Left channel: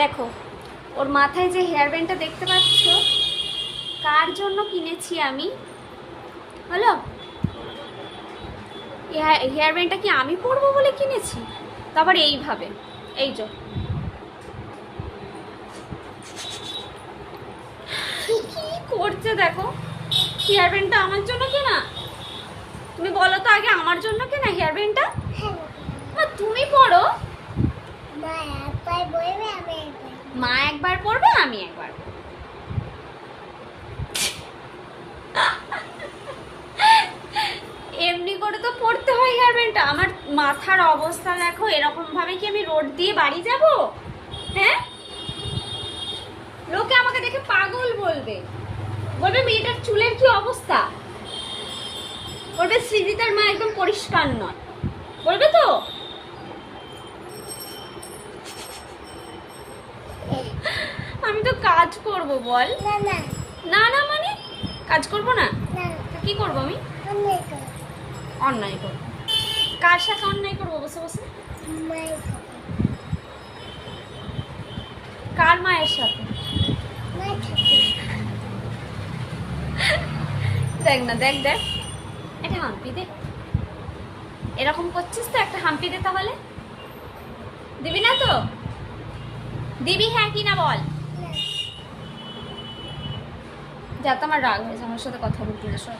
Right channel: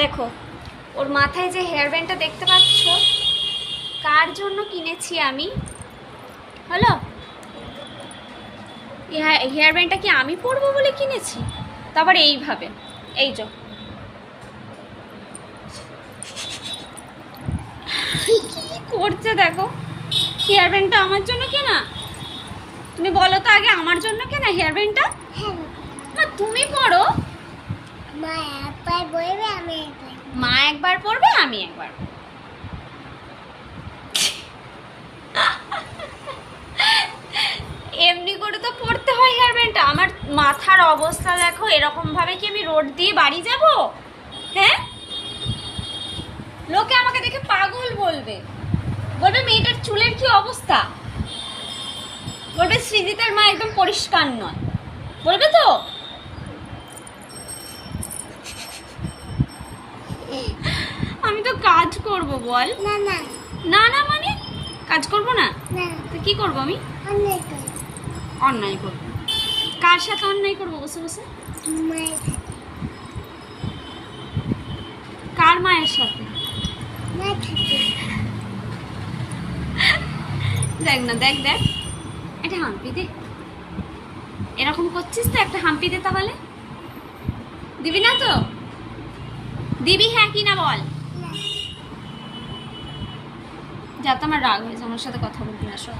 দেখো ওর মাথায় যে হেয়ার ব্যান্ডটা দেখতে পাচ্ছ, কার জন্য কিনেছি আমি? হলো, হেয়ার ব্যান্ডটা কি আমি পরবো বলে কিনেছি? তারপর এইভাবে, এই যে কি করছে দেখো। হেয়ার ব্যান্ডটা আমার জন্য কেনা? তুমি বলো তো আগে, আমার জন্য কেনা হেয়ার ব্যান্ডটা? না, তুমি পড়ো। মা একবার পড়বে, আমি একবার। এমনি করে তো পড়তে হয় হেয়ার ব্যান্ডটা। আমার মাথার অবস্থা দেখো, এরকম ভাবে কি আমি রোড দিয়ে বাড়ি যাব? হ্যাঁ, লোকে আমাকে দেখে পাগল বলবে, বলবে মেয়েটার চুলের কি অবস্থা, বলবে সৃজিতের মা একদম পরিষ্কার নয়, বলবে তো। আমি তো কাজ করব, বল। না না না না মানে কাজ করব না না, তো কি করব আমি? অনেক করে। অন্যায় করব। কার সাথে অন্যায় করব বসে বসে? মায়ের সাথে। কার মায়ের সাথে? মায়ের সাথে। দেখ না, দেখ দেখ, এটা হাম্পি দে। এরকম করছিস তো, একটা হাম্পি দে তাহলে। দিবি না তো? দিবি হ্যাঁ কি না বল। না। যা, তো আমার রাগ হয়েছে, আমার সাথে কথা বলবি না সব।